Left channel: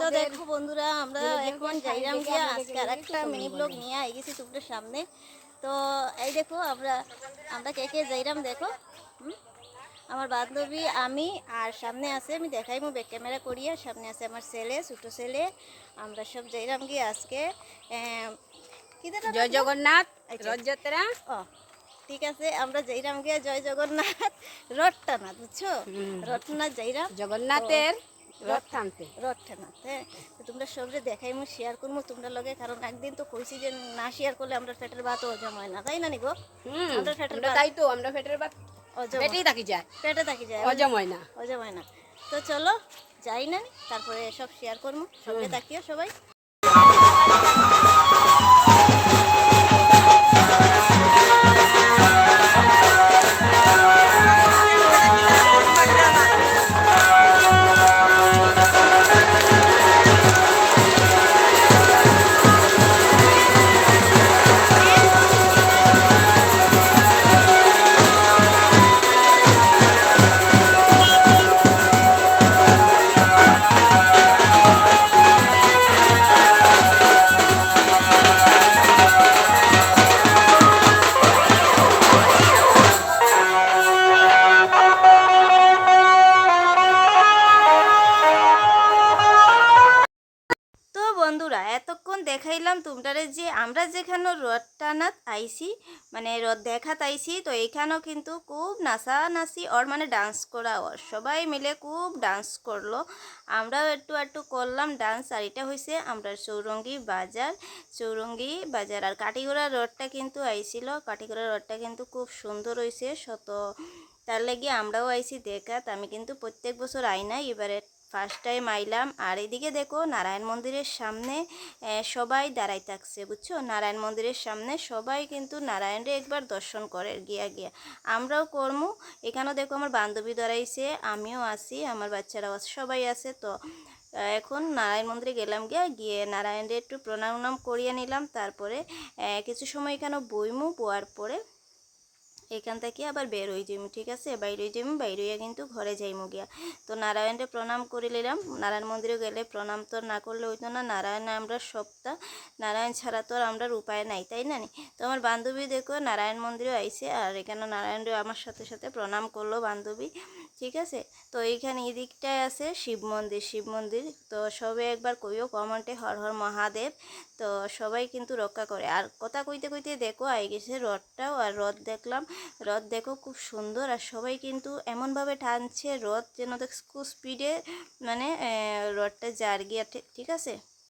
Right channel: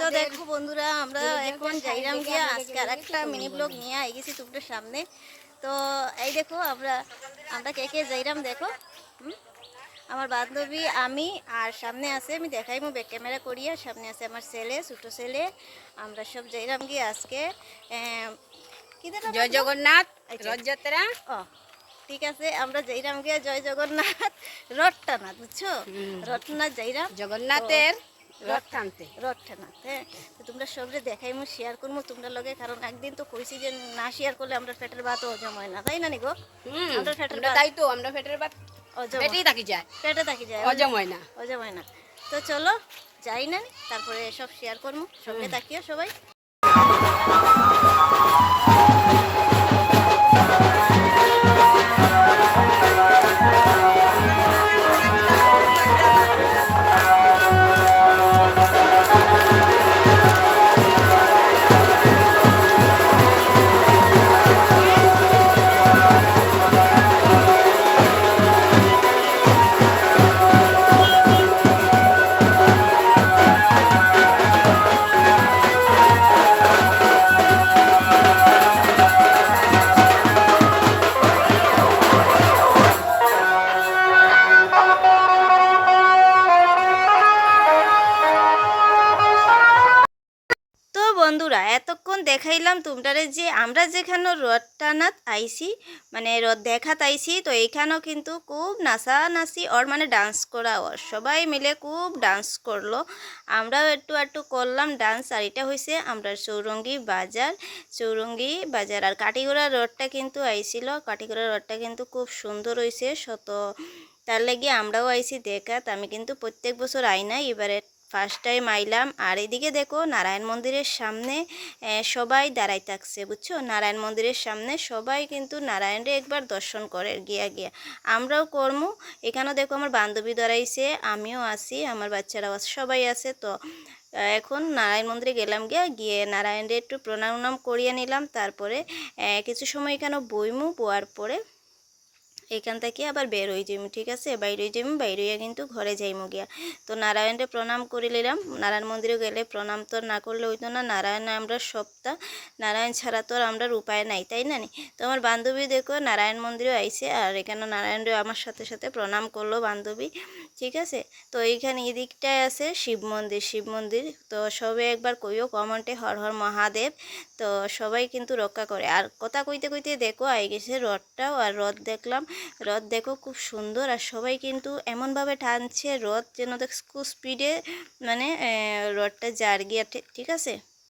তো দেখো বন্ধুরা, আমরা এখন যাইরাম গিয়া আজকে আর একটা মিনি ব্লগ নিয়ে আই গেছি তোমাদের সামনে। তো এই দেখো আমরা আমরা কে কে যাইরাম দেখো। আমার বান্ধবী, আমি, আর সামনে আছে, আমি দেখাইমু ব্যাক ক্যামেরা করিয়া, সামনে আছে আমার ছেলে, ছোটো ছেলে। আমরা সব যাইরাম গিয়ে আজকে জয় জগন্নাথ রথযাত্রা। ও ঠিক আছে, আমরা যাইরাম গিয়া জয় জগন্নাথ রথটানাথ, বুঝছো? রথনাথ যাইরাম জগন্নাথের রথ টানতে। রথটানাথ, হ্যাঁ। তো তোমরা সবরে দেখাইমু, শেয়ার করবো তোমরা লগে, কারণ একদিন তো কইছি যে না শেয়ার করলে আমরা পেটের ভাত হজম হয় না, তাই না নিগো? আমরা পেটের ভাত, তাই তো আমরা পেটের ভাত পেটেই থাকি যায়, পেটে থাকি যায়, হজম হয় না, হজম হয় না। তো চলো যাই না, তারপরে সব শেয়ার করবো, সঙ্গে থাকিও সবাই। বন্ধুরা, এতক্ষণ দেখাইলাম তোমরা যে আমরা যেখানে রথ টানাত আইসি, মানে রথ দেখাত আইসি, তো এইখানেও কিন্তু খুব নাচানাচি ওর, মানে ডান্স করা ওর, সবাই মিলে খুব ডান্স করলো, আমরাও একটু একটু করলাম ডান্স। আর এটা হয়েছে আমরা চৌরঙ্গি বাজার। আর কাটিগড়া রথটা কিন্তু আইছিল, কাটিগড়া রথটা কিন্তু খুব সুন্দর হয়েছে শত, তার লাগে আমরাও আইসি দেখাত। আমি কিন্তু প্রত্যেক বছর আই না, এবারে ফার্স্ট টাইম আইলাম। আর এদিকে দেখো নারায়ণ মন্দিরের সামনে সবাই দাঁড়াই থাকছে, বুঝছো? নারায়ণ মন্দিরের সামনে সবাই কিন্তু নারায়ণরে একবার দর্শন করে গিয়া আমরাও করমু। এখানেও দেখো আমার বান্ধবী দাঁড়াইছে, আমিও আছি, আমার বাচ্চারাও আছে, সবাই আছে। তো এখন নারায়ণ মন্দিরে গেলাম, গিয়ে নারায়ণরে একটু প্রণাম করিয়ে নিলাম। তারপরে কিছু সময় এখানে বইমু, বোয়ার পরে এখান থেকে আবার বের হয়ে যাইমু, ঠিক আছে? বাইর হয়ে যাইমু, বাইর হইয়া কিন্তু ঘরে যাইমু গিয়া। তো নারায়ণরে প্রণাম করে নিলাম। নারায়ণ মন্দিরে গেলে প্রণাম তো না করলে হইতো না, নারায়ণ আমরা সপ্তা, নারায়ণ ছাড়া তো আর আমরা উপায় নাই, তাই না? তো আমার বান্ধবী দেখো নারায়ণ মন্দিরে আইছে, আর এখানে নারায়ণরে আমার সাথে সাথে প্রণাম করলো বান্ধবী, ঠিক আছে? তো এইখানে এদিকটায় আছে শিব মন্দির। তো সবে একবার কইও কমেন্টে হর হর মহাদেব। তো সবাই কিন্তু রক্ষা করে। আর কথা কইতে কইতে দেখো আই গেছে রথটাও, আর রথ দেখলাম, রথ দেখো খুব সুন্দর। আর সবাই কিন্তু এমনভাবে টানছে রথ যেন দেখ খুব স্পিডে, মানে রথটা জার গিয়া, ঠিক আছে?